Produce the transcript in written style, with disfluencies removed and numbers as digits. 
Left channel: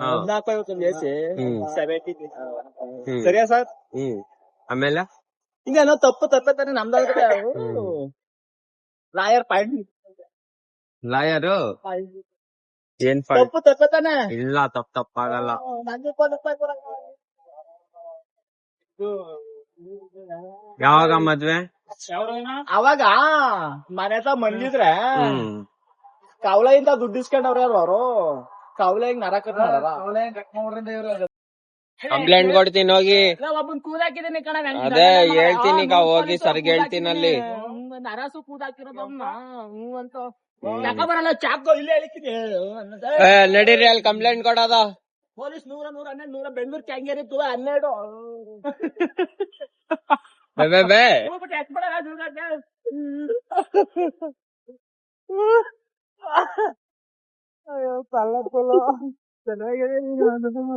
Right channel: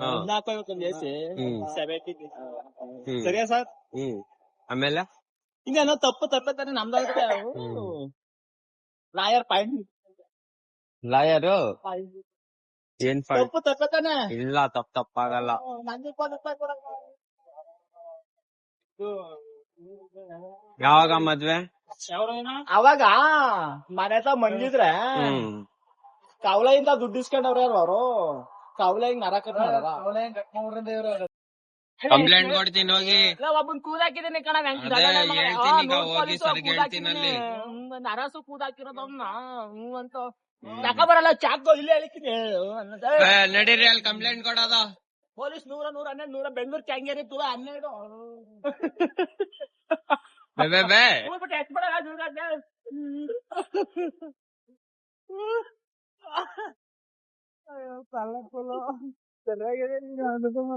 ಹದಿನಾಲ್ಕು ಬೇಸಿ ಹ್ಮ್ 70 ಹ್ಮ್ ಸರಿಯಾ ಸರ್? ಹ್ಮ್ ಆಮೇಲೆ ಹಿಂಗೇನೋ ತಪ್ಪೆ ತಾನೆ ನಮ್ದಾಗುತ್ತೆ. ಲಾಯರ್ ಪಾಯಿಂಟ್ ಲಾಯರು ಏನ್ ಫಾಲ್ಟ್ ತಪ್ಪೆ ತಾನೆ. ಇಲ್ಲ ತಪ್ಪಾಗಲ್ಲ. ನಂಗೆ 20 ರೂಪಾಯಿ ಕೊಡಕ್ಕ. ಯಾವಾಗ ಮದ್ವೆ? ಅವಾಗ ಮನೆ ಹತ್ರ ಮಂಗಿದ್ರೆ ಹ್ಮ್ ಕವಲೆಯಿಂದ ದುಡ್ಡು ಇಸ್ಕೊಂಡವ್ರ ಯಾರು ಅವರು? ಕವಲೆ ಹಿಂಗ್ ನರ ಕಟ್ ಮಾಡಾರ. ಕಂಪ್ಲೇಂಟ್ ಕೊಡ್ತೀನಿ ಹೋಗಿ. ಒಬ್ಬನ್ ಕೂದಾಕಿದೀನಿ ಕಣ. ಅದೇ ಹೇಳ್ತೀನಿ ಈಗ ಹೋಗಿ ಸರ್ಗೆ ಹೇಳ್ತೀನಲ್ಲಿ. ನರಸು ಕೂದಾಕಿರೋದವ್ನ ಅಂತ ಯಾಕ ಬರಲ್ಲ ಚಾಕು ಇಲ್ಲೇ ಹೇಳ್ತೀನಿ. ನಡೀರಿ ಅಲ್ಲಿ ಕಂಪ್ಲೇಂಟ್ ಕೊಡೋದ. ಪೊಲೀಸ್ 100 112 ಬೆಂಗಳೂರು ಕ್ಯಾಂಗೇರಿ 12 ಬೇ ಅಯ್ಯೋ ಪಲ್ಲ ಚೆನ್ನಾಗಿದೆ.